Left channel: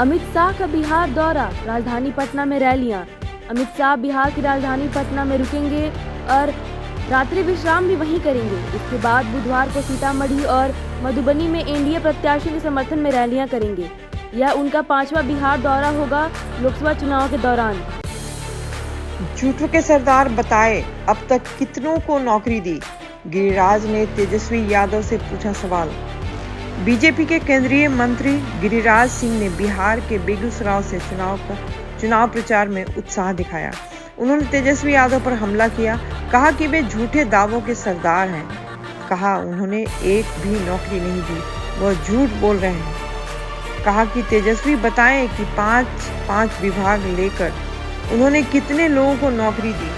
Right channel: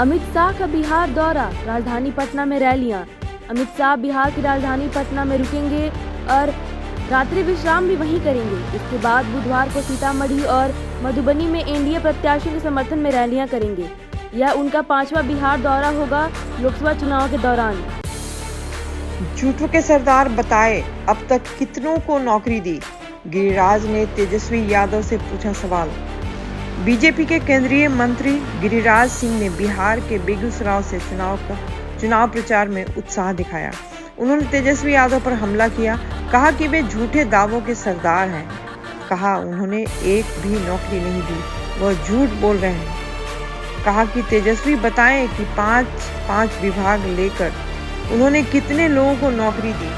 अमित शाह का बिहार दौरा, राजधानी पटना में रैलियां। अमित शाह बिहार की राजधानी पटना में रुकेंगे और रात्रि विश्राम भी वहीं करेंगे। इसके बाद बुधवार को सीतामढ़ी और मधुबनी में एनडीए प्रत्याशियों के समर्थन में रैलियां करेंगे। यह उनका 5वां बिहार दौरा होगा लोकसभा चुनाव के दौरान। झूठों के सरदार बताए अब तक कितनों को नौकरी दी, गिरिराज ने तेजस्वी यादव से पूछा सवाल। बीजेपी के केंद्रीय मंत्री गिरिराज सिंह ने बिहार के बेगूसराय से चुनाव प्रचार में उत्साह दिखाया। उन्होंने तेजस्वी यादव पर हमला किया, कहा कि वे झूठे दावों के सरदार हैं। कहा उन्होंने एक भी नौकरी नहीं दी, वह झूठ बोल रहे हैं। कहा कि तेजस्वी बताएं कि 5 विभाग लेकर उन्होंने कितने लोगों को नौकरी दी।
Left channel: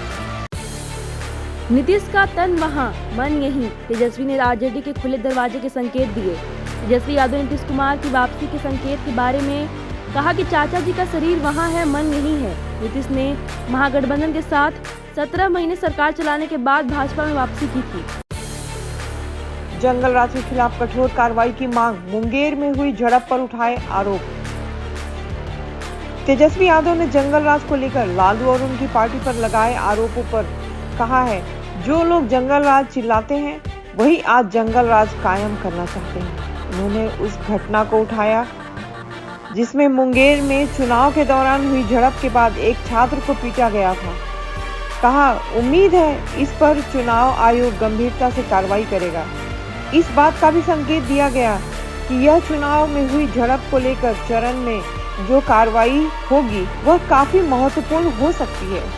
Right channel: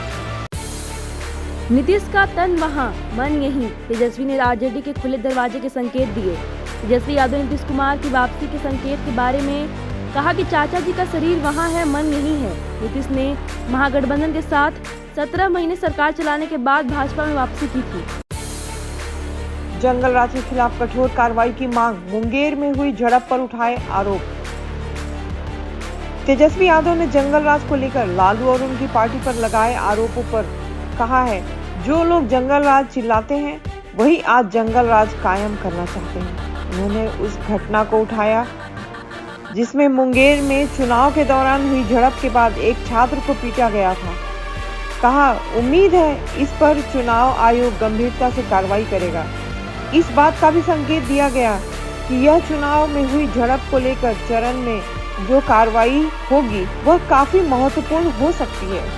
नीतीश का तन वहां, मन यहीं, तेजस्वी ने आरजेडी के खुले दरवाजे के संकेत दिए। तेजस्वी यादव ने नीतीश कुमार की वापसी के संकेत के बारे में कहा कि चाचा जी का शरीर वहां है, मन यहीं है। नीतीश ने महागठबंधन के साथ 17 महीने सरकार चलाने के बाद भाजपा में वापसी की थी। जंगल राज के खिलाफ कठोर कार्रवाई की मांग, मुंगेर में हुई झड़प पर उठाए आरोप। तेजस्वी यादव ने जंगल राज को लेकर लालू और उनकी पार्टी पर लगाए आरोपों पर कहा है, जो लोग जंगल राज चिल्लाते हैं वही आज जंगल राज कायम करना चाहते हैं। उन्होंने उस घटना को उठाया जिसमें मुंगेर में चुनाव के दौरान हुई झड़प के बाद एक छात्र को पीटा गया था। कहा उम्मीद है इस पर चुनाव आयोग गंभीरता से कार्रवाई करेगा। इस बात का भी संकेत दिया गया कि यह चुनाव में हुई झड़प को लेकर चरण में जो कार्रवाई होगी वह काफी महत्वपूर्ण हो सकती है।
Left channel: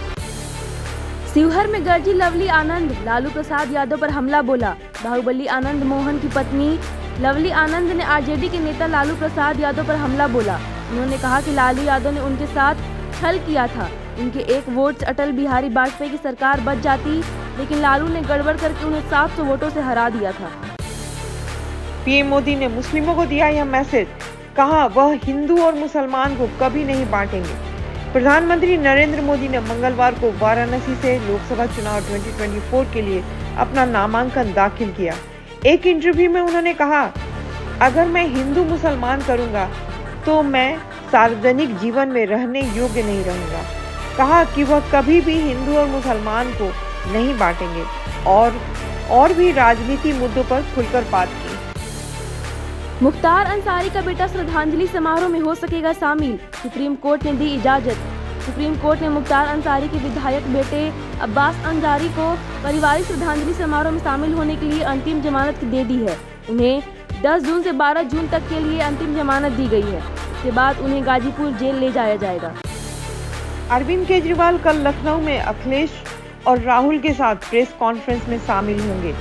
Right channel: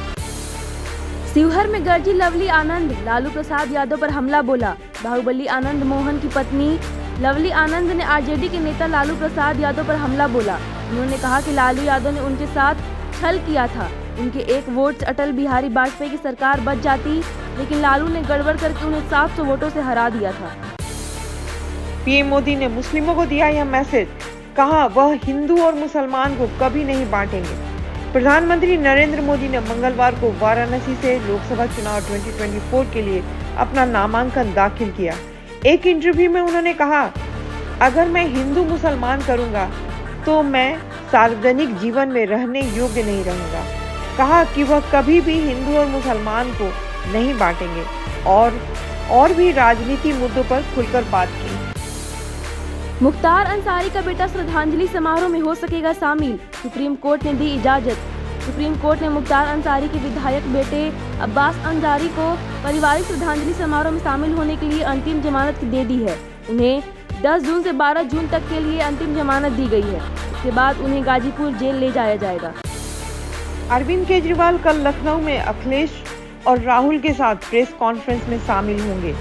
शिवहर में गरजी लवली आनंद, लालू प्रसाद यादव पर हमला बोला। बाहुबली आनंद मोहन की पत्नी लवली आनंद ने आरजेडी के नेता लालू प्रसाद यादव पर हमला बोला। उन्होंने कहा कि लालू यादव ने उनके साथ छल किया था। उनके 1 वोट से अटल बिहारी वाजपेयी की सरकार बच जाती, लेकिन लालू ने गड़बड़ करके उन्हें 700 वोटों से हरा दिया था। पीएम मोदी ने मुस्लिमों को दिया यह मैसेज, कहा वह हिंदू और मुसलमान को कभी नहीं बांटेंगे। प्रधानमंत्री नरेंद्र मोदी ने मंगलवार को वाराणसी से लोकसभा चुनाव 2024 के लिए अपना नामांकन दाखिल किया। एक इंटरव्यू में उन्होंने कहा, अगर मैं हिंदू मुसलमान करूंगा तो मैं सार्वजनिक जीवन में रहने योग्य नहीं रहूंगा। कहा कि वह कभी भी हिंदू और मुसलमान को नहीं बांटेंगे और भी राजनीति मुद्दों पर खुलकर बात की। मुख्तार अंसारी का बेटा श्रद्धांजलि समारोह में हो सकेगा शामिल, सुप्रीम कोर्ट ने दी इजाजत। सुप्रीम कोर्ट ने मुख्तार अंसारी के विधायक बेटे अब्बास अंसारी को पारिवारिक श्रद्धांजलि समारोह में शामिल होने के लिए अंतिम जमानत दे दी है। उन्हें 10 जून से 12 जून तक के लिए अंतिम जमानत दी गई है। इसके बाद उन्हें गाजीपुर जेल ले जाया जाएगा। अरविंद केजरीवाल कल लखनऊ में अखिलेश और राहुल के साथ प्रेस कॉन्फ्रेंस में शामिल होंगे।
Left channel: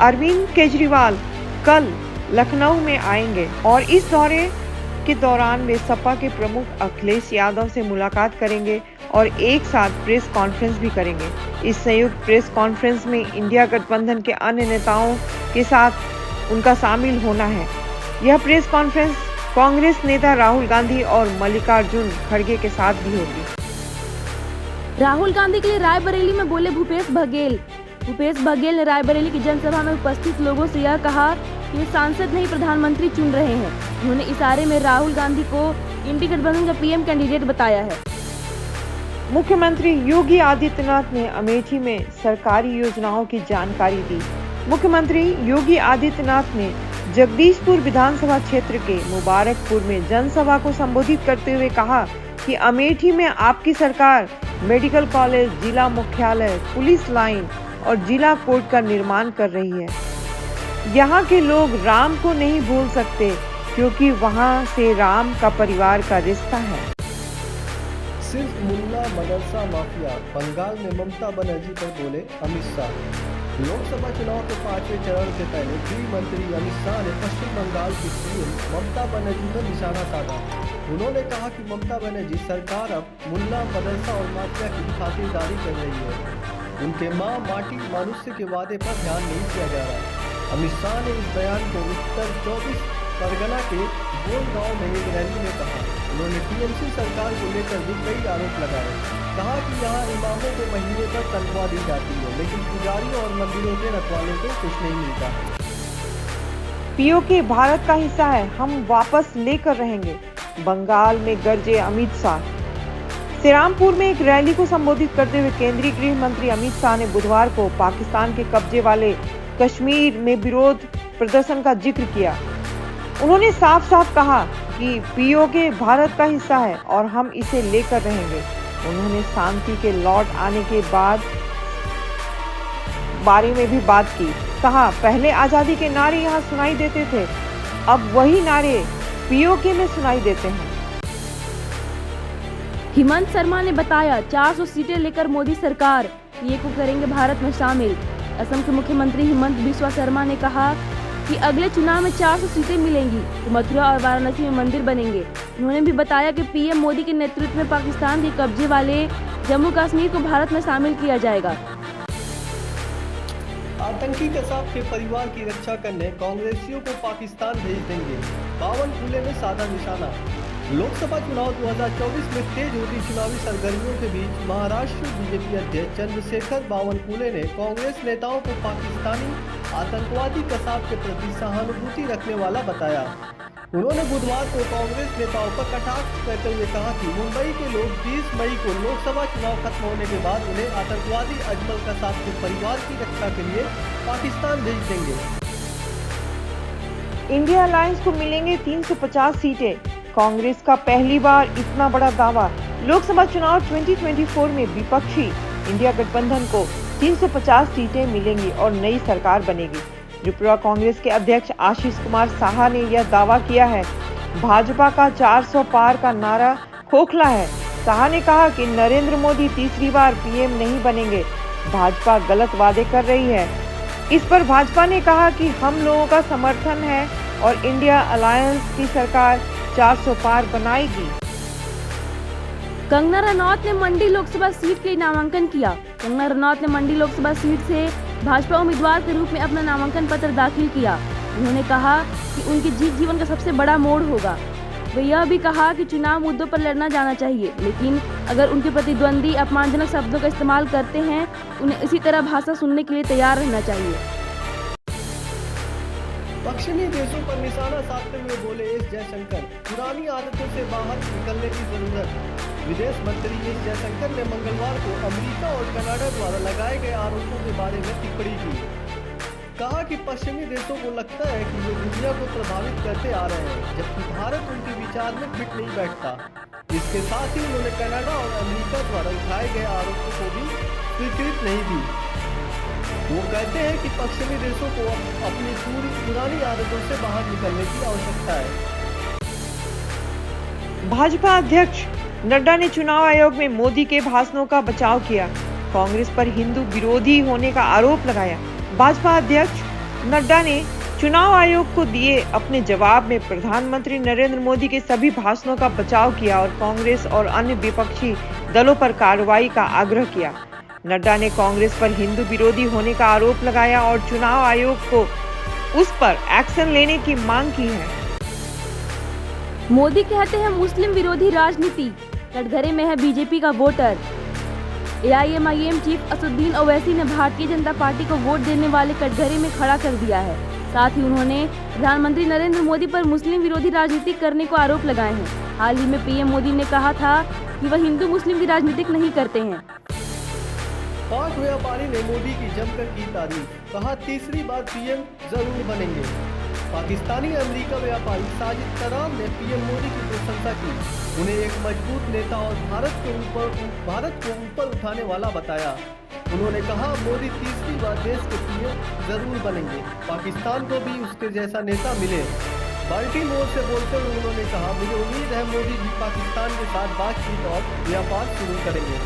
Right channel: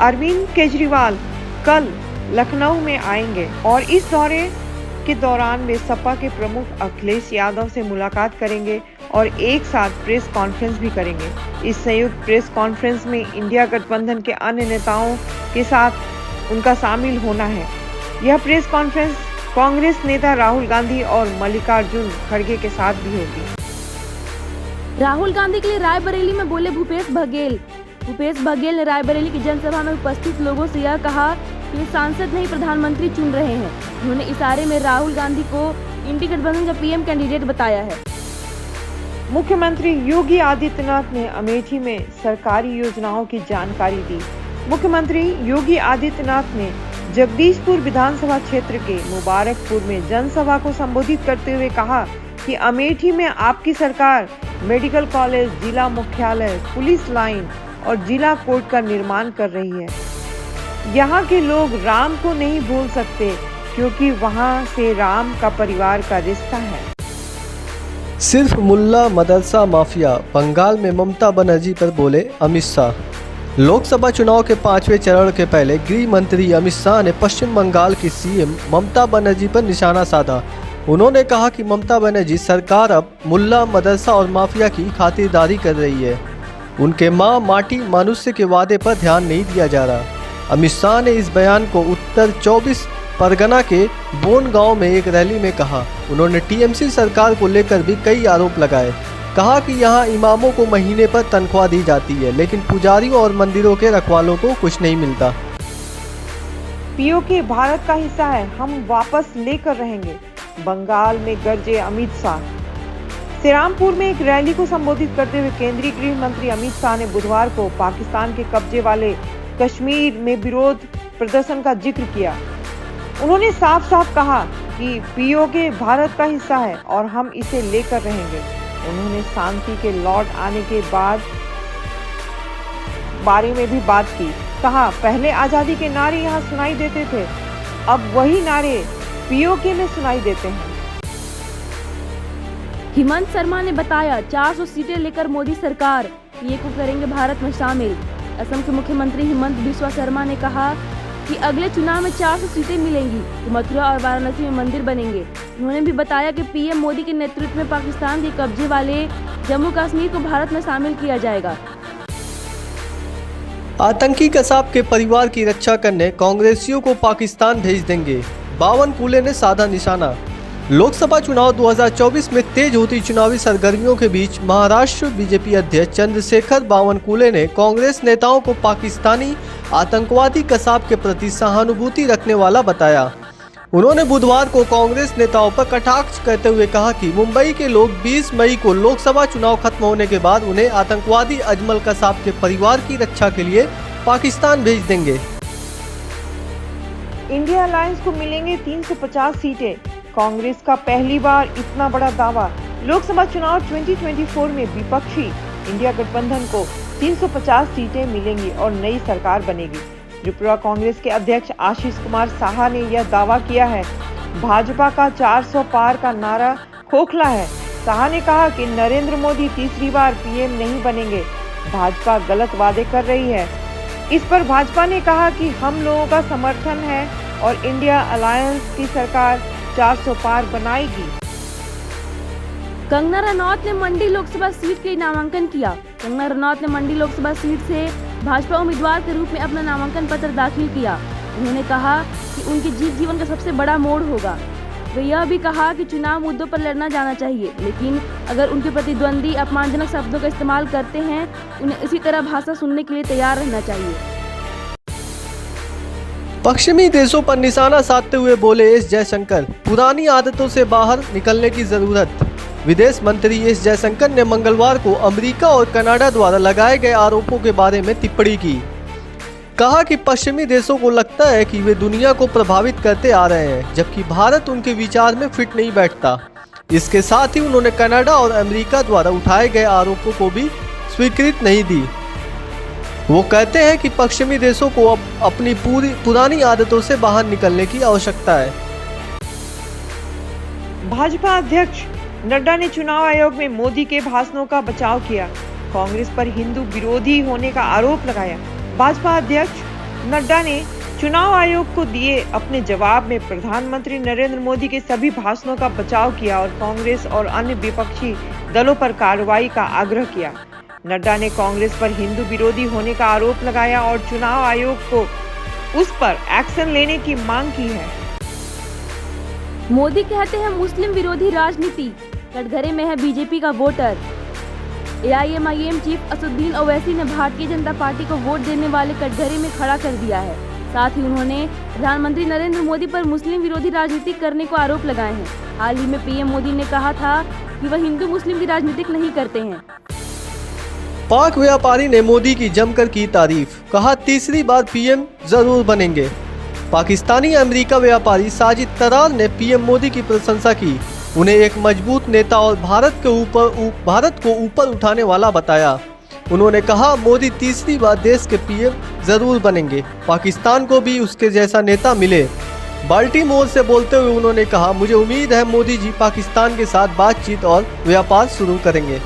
अरविंद केजरीवाल कल लखनऊ में आएंगे और इस दौरे के दौरान वे सपा के प्रमुख अखिलेश यादव से मुलाकात करेंगे और एक साथ प्रेस कॉन्फ्रेंस भी करेंगे। इस संयुक्त प्रेस कॉन्फ्रेंस में इंडिया गठबंधन के अन्य नेताओं के साथ उनका शामिल होना है। यह प्रेस कॉन्फ्रेंस कांग्रेस नेता राहुल गांधी और मल्लिकार्जुन खड़गे के साथ भी होगी। राहुल गांधी के लिए रायबरेली में बोले भूपेश बघेल। भूपेश बघेल ने रायबरेली की जनसभा में उपस्थित लोगों से यह कहा कि वे सांसद नहीं प्रधानमंत्री चुन रहे हैं। उन्होंने इशारे में राहुल गांधी को इंडी गठबंधन का पीएम कैंडिडेट बताया है। मुख्यमंत्री योगी आदित्यनाथ ने अमेठी में सरकारी योजनाओं की जानकारी दी। मुख्यमंत्री योगी आदित्यनाथ ने जगदीशपुर विधानसभा क्षेत्र के मुबारकपुर में जनसभा को संबोधित करते हुए कहा कि अमेठी में आपकी सरकार मेडिकल कॉलेज, जिला मुख्यालय, पुलिस लाइन और जिला कोर्ट का निर्माण कर रही है। यहाँ के लोग राम को नहीं भूल सकते क्योंकि वहाँ से राम का परिवार का रिश्ता है। सिर्फ मुल्ला मदरसा माफिया, बंगाल में ममता बनर्जी पर बोले अमित शाह। लोकसभा चुनाव के 5वें चरण के पहले गृह मंत्री अमित शाह ने पश्चिम बंगाल की सीएम ममता बनर्जी पर निशाना साधा। उन्होंने कहा कि ममता बनर्जी सरकार अब मुल्ला मदरसा और माफिया की खातिरदारी कर रही है। उनके माँ माटी मनुष्य के वादे पर ध्यान नहीं दिया जा रहा। अमित शाह ने इस बयान को उत्तर 24 परगना के बोन गांव में एक रैली में कहा। उन्होंने टीएमसी सरकार को लेकर भी कई आरोप लगाए। कहा कि यहाँ इमामों को महीने पर तनख्वाह दी जाती है, लेकिन पुजारियों और मंदिरों के रखवालों को कुछ नहीं मिलता। पीओके भारत का हिस्सा है, हम वापस लेकर रहेंगे। बंगाल में गरजे अमित शाह। श्रीरामपुर में एक रैली को संबोधित करते हुए केंद्रीय गृह मंत्री अमित शाह ने बुधवार को पाकिस्तान के कब्जे वाले कश्मीर में विरोध प्रदर्शन का जिक्र किया। उन्होंने साफ साफ कहा कि पीओके भारत का हिस्सा है और हम इसे लेकर रहेंगे। उन्होंने शांति के लौट आने के बारे में भी बात की। कहा, पहले आजादी के नारे यहाँ सुनाई देते थे, अब वही नारे पीओके में सुनाई देते हैं। हेमंत शर्मा ने बताया 400 सीटें लेकर मोदी सरकार पीए को करेंगे भारत में शामिल। असम के मुख्यमंत्री हेमंत बिस्वा शर्मा ने कहा कि अगले चुनाव में 400 सीटें मिलेंगी तो मथुरा और वाराणसी में मंदिर बनेंगे। उन्होंने भी बताया कि पीएम मोदी के नेतृत्व में पाकिस्तान के कब्जे वाले जम्मू कश्मीर को भारत में शामिल किया जाएगा। आतंकी कसाब के परिवार की रक्षा करने कांग्रेसियों को पाकिस्तान भेज देंगे, बावनकुले ने साधा निशाना। लोकसभा चुनाव 2024 में तेज होती चुनावी सरगर्मियों के बीच महाराष्ट्र बीजेपी अध्यक्ष चंद्रशेखर बावनकुले ने कांग्रेस नेताओं को पाकिस्तानी आतंकवादी कसाब के प्रति सहानुभूति रखने वाला बताया। उन्होंने बुधवार को कांग्रेस नेताओं पर कटाक्ष करते हुए कहा कि मुंबई के लोग 20 मई को लोकसभा चुनाव खत्म होने के बाद उन्हें आतंकवादी अजमल कसाब के परिवार की रक्षा के लिए पाकिस्तान भेज देंगे। इंडिया अलायंस को मिलेंगे 350 सीटें। कांग्रेस का पहली बार इतना बड़ा दावा। लोकसभा चुनाव 2024 में विपक्षी इंडिया गठबंधन को 350 सीटें मिलेंगी और नई सरकार बनेगी। त्रिपुरा कांग्रेस के अध्यक्ष आशीष कुमार साहा ने यह दावा किया है। भाजपा का 400 पार का नारा खोखला है। साहा ने कहा कि नरेंद्र मोदी तीसरी बार पीएम नहीं बनेंगे, भाजपा गलत वादे कर रही है। इस पर भाजपा ने कहा कि हम लोगों का समर्थन है और इंडिया अलायंस की सरकार 400 पार बनाएगी। कंगना रनौत ने मंडी लोकसभा सीट के नामांकन किया। कंगना रनौत ने मंडी लोकसभा सीट से भाजपा उम्मीदवार के रूप में अपना नामांकन पत्र दाखिल किया। उन्होंने कहा कि उनके जीवन का सबसे बड़ा मोड़ होगा। वे यह भी कहा कि चुनाव मुद्दों पर लड़ना जाना चाहिए, लेकिन अगर उनके प्रतिद्वंदी अपमानजनक शब्दों का इस्तेमाल करते हैं, उन्हें इसी तरह भाषा सुनने के लिए तैयार रहना चाहिए। पश्चिमी देशों पर निशाना साधते हुए बोले एस जयशंकर, पुरानी आदतों से बाहर निकलने की जरूरत। विदेश मंत्री एस जयशंकर ने मंगलवार को अमेरिका और कनाडा द्वारा लगाए गए आरोपों के बारे में टिप्पणी की। कहा कि पश्चिमी देशों को लगता है कि वे दुनिया को प्रभावित करते आ रहे हैं, जबकि भारत उनके विचार में फिट नहीं बैठता। इसके साथ ही उन्होंने कनाडा और अमेरिका द्वारा उठाए गए आरोपों को भी स्वीकृति नहीं दी। वो कहते हैं कि पश्चिमी देशों को अब अपनी पुरानी आदतों से बाहर निकलने की आवश्यकता है। भाजपा अध्यक्ष नड्डा ने चुनाव आयोग में मोदी के भाषणों का बचाव किया। कांग्रेस पर हिंदू विरोधी होने का आरोप लगाया। भाजपा अध्यक्ष नड्डा ने चुनाव आयोग को दिए अपने जवाब में प्रधानमंत्री नरेंद्र मोदी के सभी भाषणों का बचाव किया और कांग्रेस और अन्य विपक्षी दलों पर कार्रवाई का आग्रह किया। नड्डा ने कांग्रेस पर हिंदू विरोधी होने का आरोप लगाया और चुनाव आयोग को उस पर एक्शन लेने की मांग की है। मोदी कहते हैं मुस्लिम विरोधी राजनीति, कटघरे में है बीजेपी का voter. AIMIM chief Asaduddin Owaisi ने भारतीय जनता पार्टी को वोट देने वाले कटघरे में खड़ा कर दिया है। साथ ही उन्होंने प्रधानमंत्री नरेंद्र मोदी पर मुस्लिम विरोधी राजनीति करने को आरोप लगाए हैं। हाल ही में पीएम मोदी ने कहा था कि वह हिंदू मुस्लिम की राजनीति नहीं करते हैं। पाक व्यापारी ने मोदी की जमकर की तारीफ। कहा तीसरी बार पीएम जरूर बनेंगे। पाकिस्तानी अमेरिका व्यापारी साजिद तरार ने पीएम मोदी की प्रशंसा की। उन्हें एक मजबूत नेता और भारत को ऊपर उठाने वाला बताया। उन्होंने कहा मोदी तीसरी बार देश के पीएम जरूर बनेंगे। पाकिस्तान को भी उसके जैसा नेता मिले। बाल्टीमोर से बोलते हुए उन्होंने कहा मुझे उम्मीद है मोदी जी पाकिस्तान के साथ बातचीत और व्यापार शुरू करेंगे।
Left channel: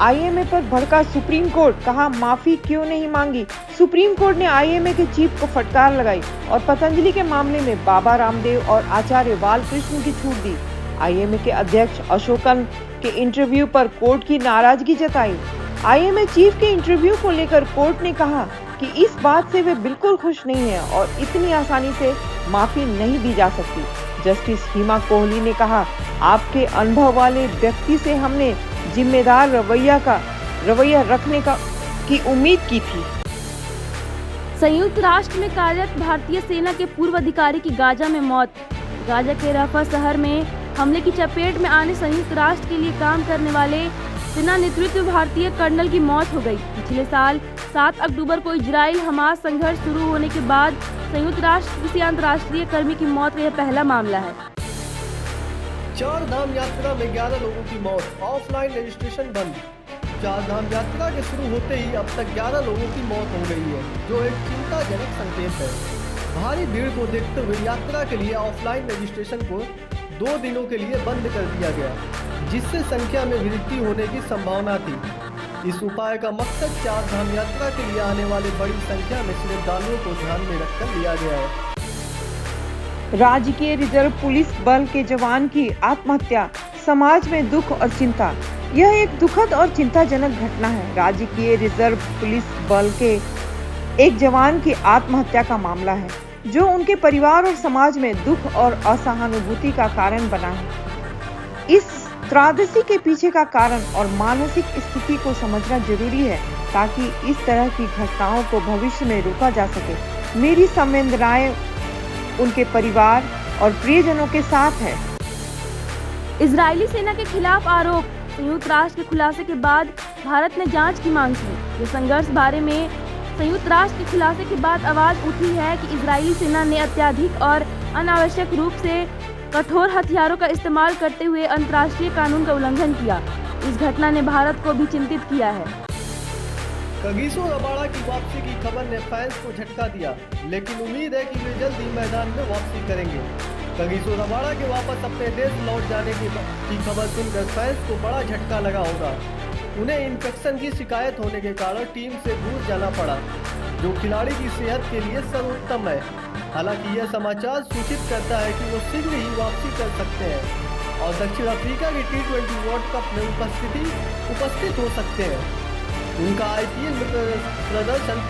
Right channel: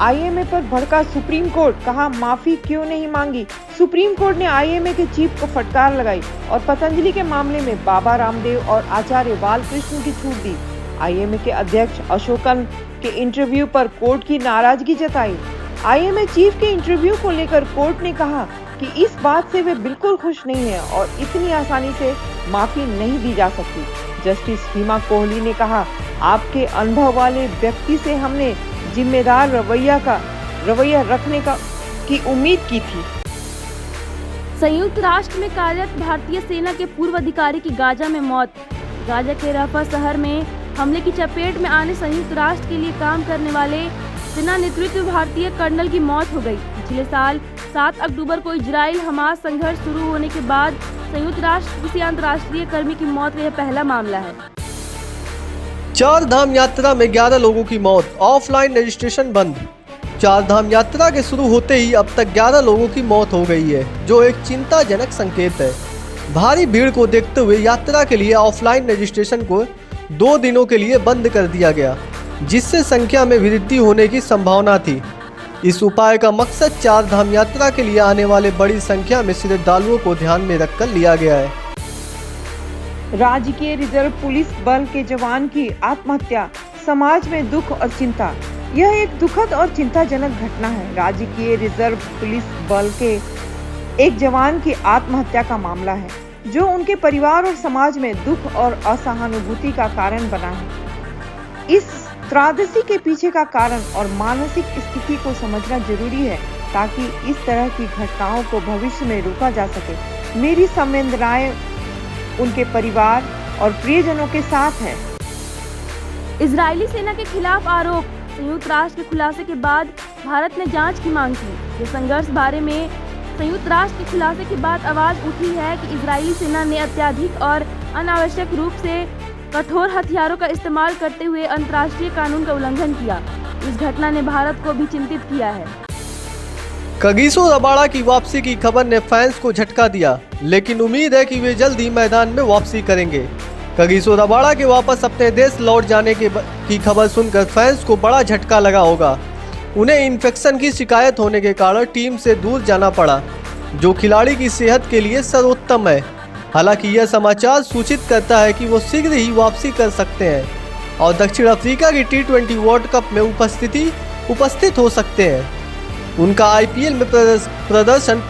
आईएमए पर भड़का सुप्रीम कोर्ट, कहा माफी क्यों नहीं मांगी। सुप्रीम कोर्ट ने आईएमए के चीफ को फटकार लगाई और पतंजलि के मामले में बाबा रामदेव और आचार्य बालकृष्ण की छूट दी। आईएमए के अध्यक्ष अशोकन के इंटरव्यू पर कोर्ट की नाराजगी जताई। आईएमए चीफ के इंटरव्यू को लेकर कोर्ट ने कहा कि इस बात से वे बिल्कुल खुश नहीं है और इतनी आसानी से माफी नहीं दी जा सकती। जस्टिस हिमा कोहली ने कहा आपके अनुभव वाले व्यक्ति से हमने जिम्मेदार रवैया रखने की उम्मीद की थी। संयुक्त राष्ट्र में कार्यरत भारतीय सेना के पूर्व अधिकारी की गाजा में मौत। गाजा के रफा शहर में हमले की चपेट में आने संयुक्त राष्ट्र के लिए काम करने वाले सेना नेतृत्व भारतीय कर्नल की मौत हो गई। पिछले साल 7 अक्टूबर को इजराइल हमास संघर्ष शुरू होने के बाद संयुक्त राष्ट्र किसी अंतर्राष्ट्रीय कर्मी की मौत का यह पहला मामला है। 4 धाम यात्रा में 11 लोगों की मौत, ऑफलाइन रजिस्ट्रेशन बंद। 4 धाम यात्रा के शुरू होते ही अब तक 11 लोगों की मौत हो गई है, जो एक चिंताजनक संकेत है। भारी भीड़ को देखते हुए यात्रा के लिए ऑफलाइन रजिस्ट्रेशन को 2 दिनों के लिए बंद कर दिया गया, जिससे संख्या में वृद्धि होने की संभावना थी। इस उपाय का मकसद 4 धाम यात्रा के लिए आने वाले बड़ी संख्या में श्रद्धालुओं को ध्यान में रखकर लिया गया है। राज्य के रिजर्व पुलिस बल के जवान की आत्महत्या, समाज में दुख और चिंता। यह एक दुखद और चिंताजनक घटना है। राज्य के रिजर्व पुलिस बल के एक जवान की आत्महत्या का मामला है, जो उनके परिवार और समाज में दुख और असहानुभूति का कारण बना है। इस त्रासदी के पीछे का कारण और मानसिक स्थिति को समझना जरूरी है, ताकि इस तरह की घटनाओं को भविष्य में रोका जा सके। मेरी संवेदनाएं उनके परिवार और प्रियजनों के साथ है। इजरायली सेना के खिलाफ आरोप, संयुक्त राष्ट्र के खुलासे के बाद भारत ने जांच की मांग की। ये संघर्ष बारे में संयुक्त राष्ट्र के खुलासे के बाद आवाज उठी है कि इजरायली सेना ने अत्यधिक और अनावश्यक रूप से कठोर हथियारों का इस्तेमाल करते हुए अंतर्राष्ट्रीय कानून का उल्लंघन किया। इस घटना ने भारत को भी चिंतित किया है। कगिसो रबाडा की वापसी की खबर ने फैंस को झटका दिया, लेकिन उम्मीद है कि वे जल्द ही मैदान में वापसी करेंगे। कगिसो रबाडा के वापस अपने देश लौट जाने की खबर सुनकर फैंस को बड़ा झटका लगा होगा। उन्हें इन्फेक्शन की शिकायत होने के कारण टीम से दूर जाना पड़ा, जो खिलाड़ी की सेहत के लिए सर्वोत्तम है। हालांकि यह समाचार सूचित करता है कि वो शीघ्र ही वापसी कर सकते हैं और दक्षिण अफ्रीका की T20 वर्ल्ड कप में उपस्थित हो सकते हैं। उनका IPL में प्रदर्शन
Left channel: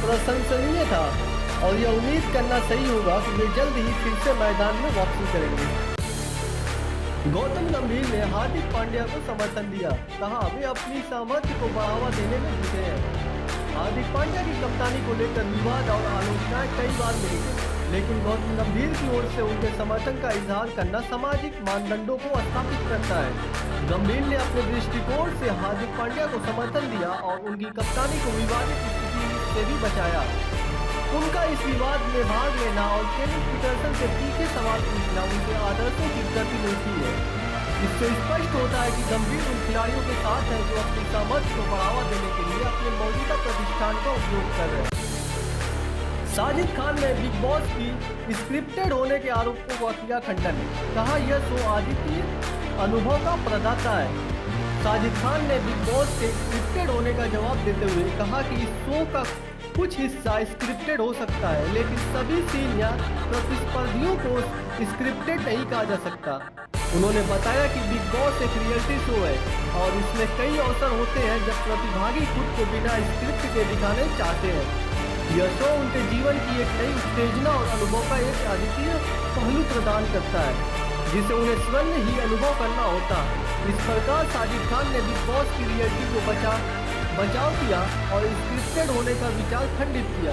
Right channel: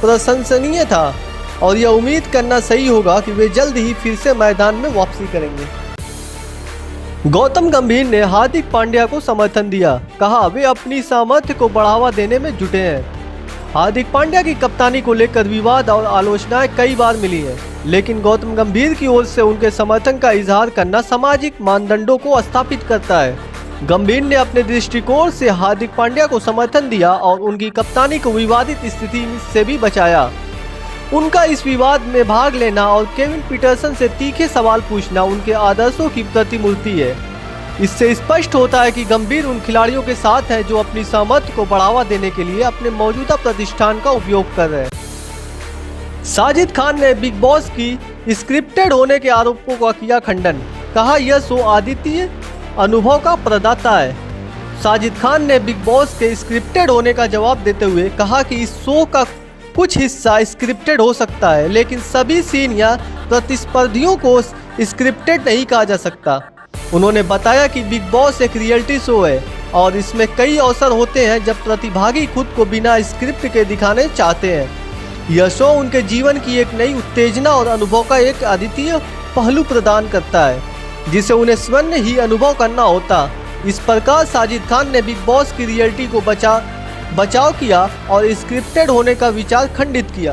प्रशंसनीय था और यह उम्मीद करना सही होगा कि वे जल्द ही फिर से मैदान में वापसी करेंगे। गौतम गंभीर ने हार्दिक पांड्या को समर्थन दिया, कहा वे अपनी सामर्थ्य को बढ़ावा देने में जुटे हैं। हार्दिक पांड्या की कप्तानी को लेकर विवाद और आलोचनाएं कई बार मिली हैं, लेकिन गौतम गंभीर की ओर से उनके समर्थन का इजहार करना सामाजिक मानदंडों को स्थापित करता है। गंभीर ने अपने दृष्टिकोण से हार्दिक पांड्या को समर्थन दिया और उनकी कप्तानी को विवादित स्थिति से भी बचाया। उनका इस विवाद में भाग लेना और केविन पीटरसन से तीखे सवाल पूछना उनके आदर्शों की प्रतिमूर्ति है। इससे स्पष्ट होता है कि गंभीर उन खिलाड़ियों के साथ हैं जो अपनी सामर्थ्य को बढ़ावा देने के लिए अपने मौजूदा प्रतिष्ठान का उपयोग कर रहे हैं। साजिद खान ने बिग बॉस की स्क्रिप्टेड होने के आरोपों का किया खंडन, कहा यह शो अद्वितीय अनुभव का प्रदाता है। साजिद खान ने बिग बॉस के स्क्रिप्टेड होने का जवाब देते हुए कहा कि इस शो का कुछ हिस्सा स्क्रिप्टेड हो सकता है, लेकिन सभी सीन या प्रतिस्पर्धियों को स्क्रिप्टेड नहीं कहा जा सकता। उन्होंने बताया कि बिग बॉस एक रियलिटी शो है और इसमें कई अवसर होते हैं जब प्रतिभागी खुद को बिना स्क्रिप्ट के दिखाने चाहते हैं। यह शो उनके जीवन की एक नई उत्तेजना और अनुभव का एक अद्वितीय पहलू प्रदान करता है, जिसे उन्हें स्वयं ही अनुभव करना होता। इस प्रकार साजिद खान ने बिग बॉस की रियलिटी को बचाव किया और स्क्रिप्टेड होने का विचार खंडित किया।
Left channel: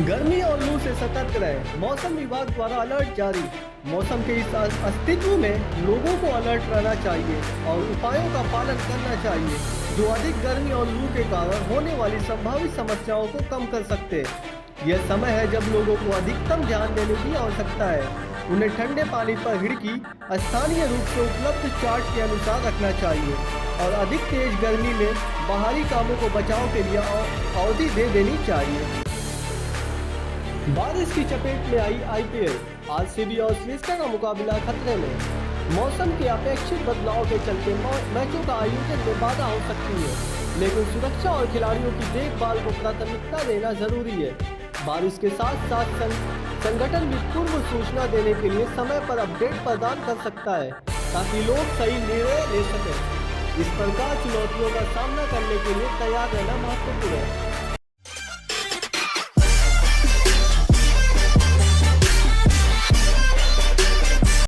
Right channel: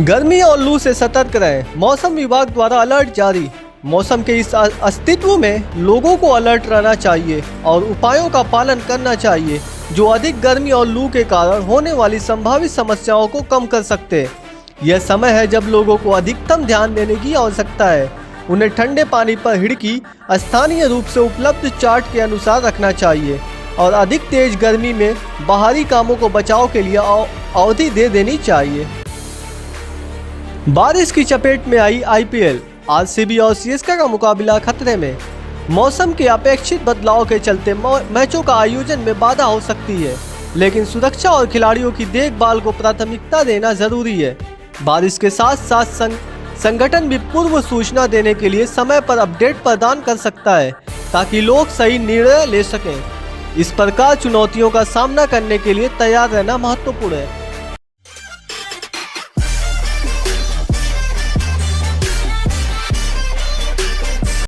गर्मी और लू से सतर्क रहें, मौसम विभाग द्वारा अलर्ट जारी। मौसम के इस अस्तित्व में लोगों को अलर्ट रहना चाहिए और उपायों का पालन करना चाहिए, जो अधिक गर्मी और लू के कारण होने वाली संभावित समस्याओं को कम कर सकते हैं। यह समय है जब लोगों को अधिकतम ध्यान देने की आवश्यकता है। उन्हें ठंडे पानी पर हिड़की स्थानीय रूप से उपलब्ध चार्ट के अनुसार रखना चाहिए और अधिक तेज गर्मी में बाहरी कामों को बचाव के लिए अवधि दे देनी चाहिए। बारिश की चपेट में आई IPL, RCB और CSK का मुकाबला खतरे में। मौसम के अपेक्षित बदलाव के चलते मैचों का आयोजन में बाधा हो सकती है, लेकिन सुरक्षा और खिलाड़ियों की देखभाल को प्राथमिकता देना जरूरी है। बारिश के साथ साथ संगठन भी पूर्व सूचना देने के लिए समय पर अपडेट प्रदान कर सकता है, ताकि लोग सही निर्णय ले सकें। इस प्रकार चुनौतियों का सामना करने के लिए तैयार रहना महत्वपूर्ण है।